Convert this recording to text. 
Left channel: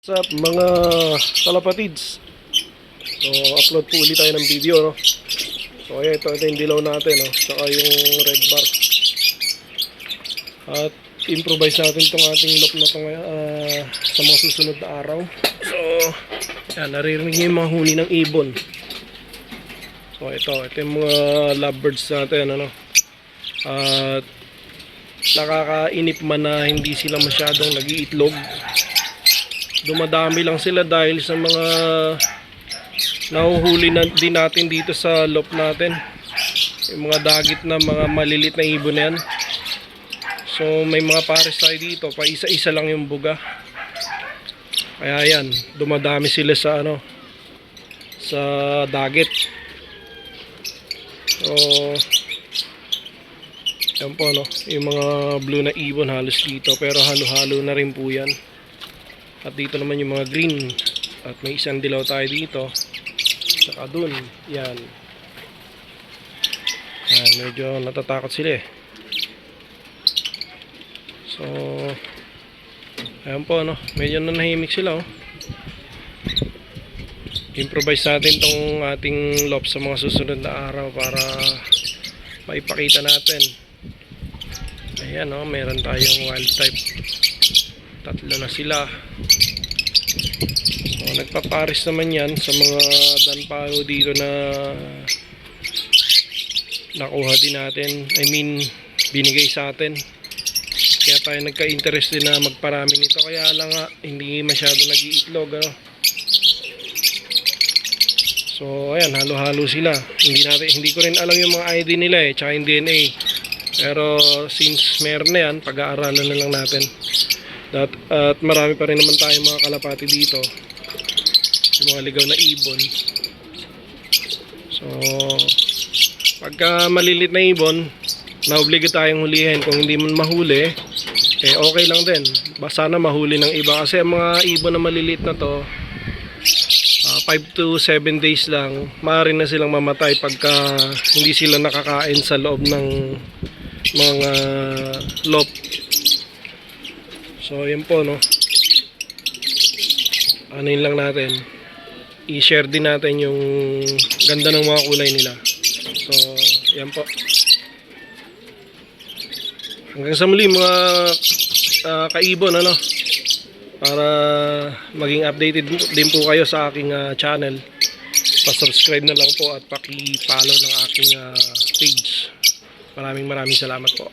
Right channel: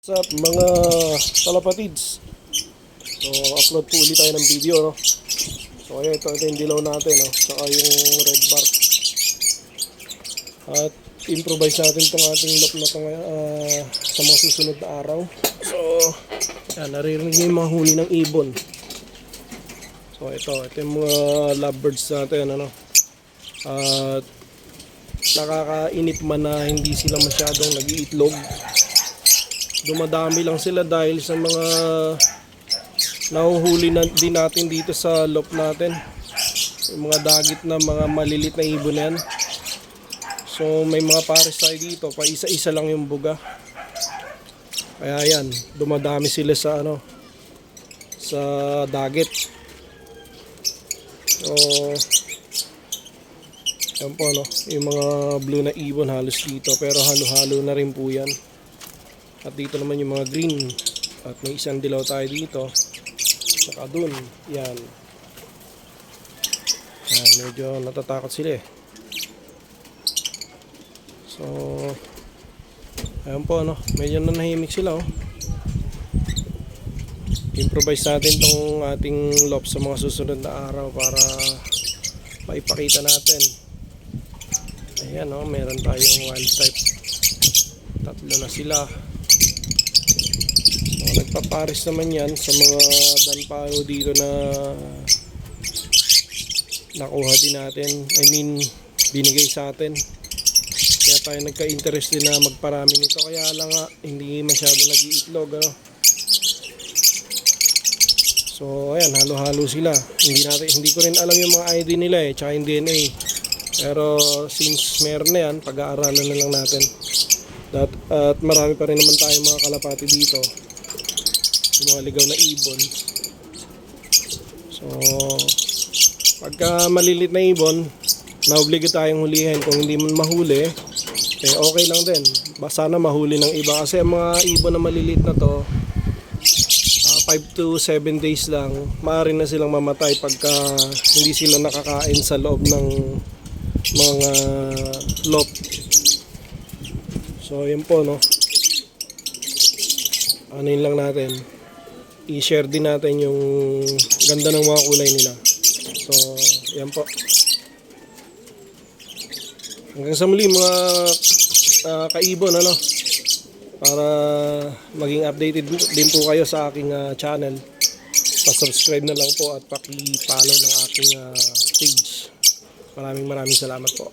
What's up mga kalapatids? So upload po ulit tayo ng video, no? So ayan, ito yung dilaw natin, no? Saka yung red bar. At improvise natin itong ating loop na ito sa mga susunod na araw. So yan, naririnig niyo yung mga huni ng ibon. So ito yung mga lovebirds natin, ano? At nakakainip man na hindi sila masyadong nag-iitlog. Dumadami lang sila dahil sa mga nahuhuli na din natin dito sa loop natin, yung mga dagit na mga malilit na ibon na yan. So may mga pares tayo dito, pa isa-isa lang yung buga, kaya yan, dumadami sila sa sa dagit. So yan po, no, yung mga blue na ibon halos dito, pero halo-halo na rin po yan. At dito naman yung mga green. At may isang dilaw tayo dito. Saka dun. Yan. Yan, medyo natatakot sila eh. So ayan po, no, medyo nanahimik sila, oh. Improvise natin tong ating loop sa mga susunod na araw para maipakita natin. Ayan, oh, meron tayong wild type. Tatlo na sila. So, nagpapares naman yan sa mga danpao dito na nakuha din natin. I mean, binigay sa atin. Kaya tayo nagka-interest din na magparami nito. Kaya lang nga, hindi masyado nag-iitlog, ano? So, ayan, halo-halo sila. Hindi ko rin alam yung mga ID nila eh, tsaka yung DNA. Pero since meron na yan, pag-aaralan na lang natin. At marami pa rin naman tayong mga kalapati dito, yung mga ligaw na ibon. So pagka malilit na ibon, naobliga tayong hulihin. Kung hindi man mahuli, eh okay lang din, basta na mahuli ng iba. Kasi ang mga ibon na malilit na to, 5 to 7 days lang, maaari na silang mamatay pagka hindi sila nakakain sa loob ng mga loop. So yun po, no, anuin lang natin, i-share din natin yung ganda ng mga kulay nila. So yan po, hanggang sa muli mga kaibon, ano, para maging updated din po kayo sa aking channel, pa-subscribe na lang po at paki-follow ng aking page. Maraming salamat po.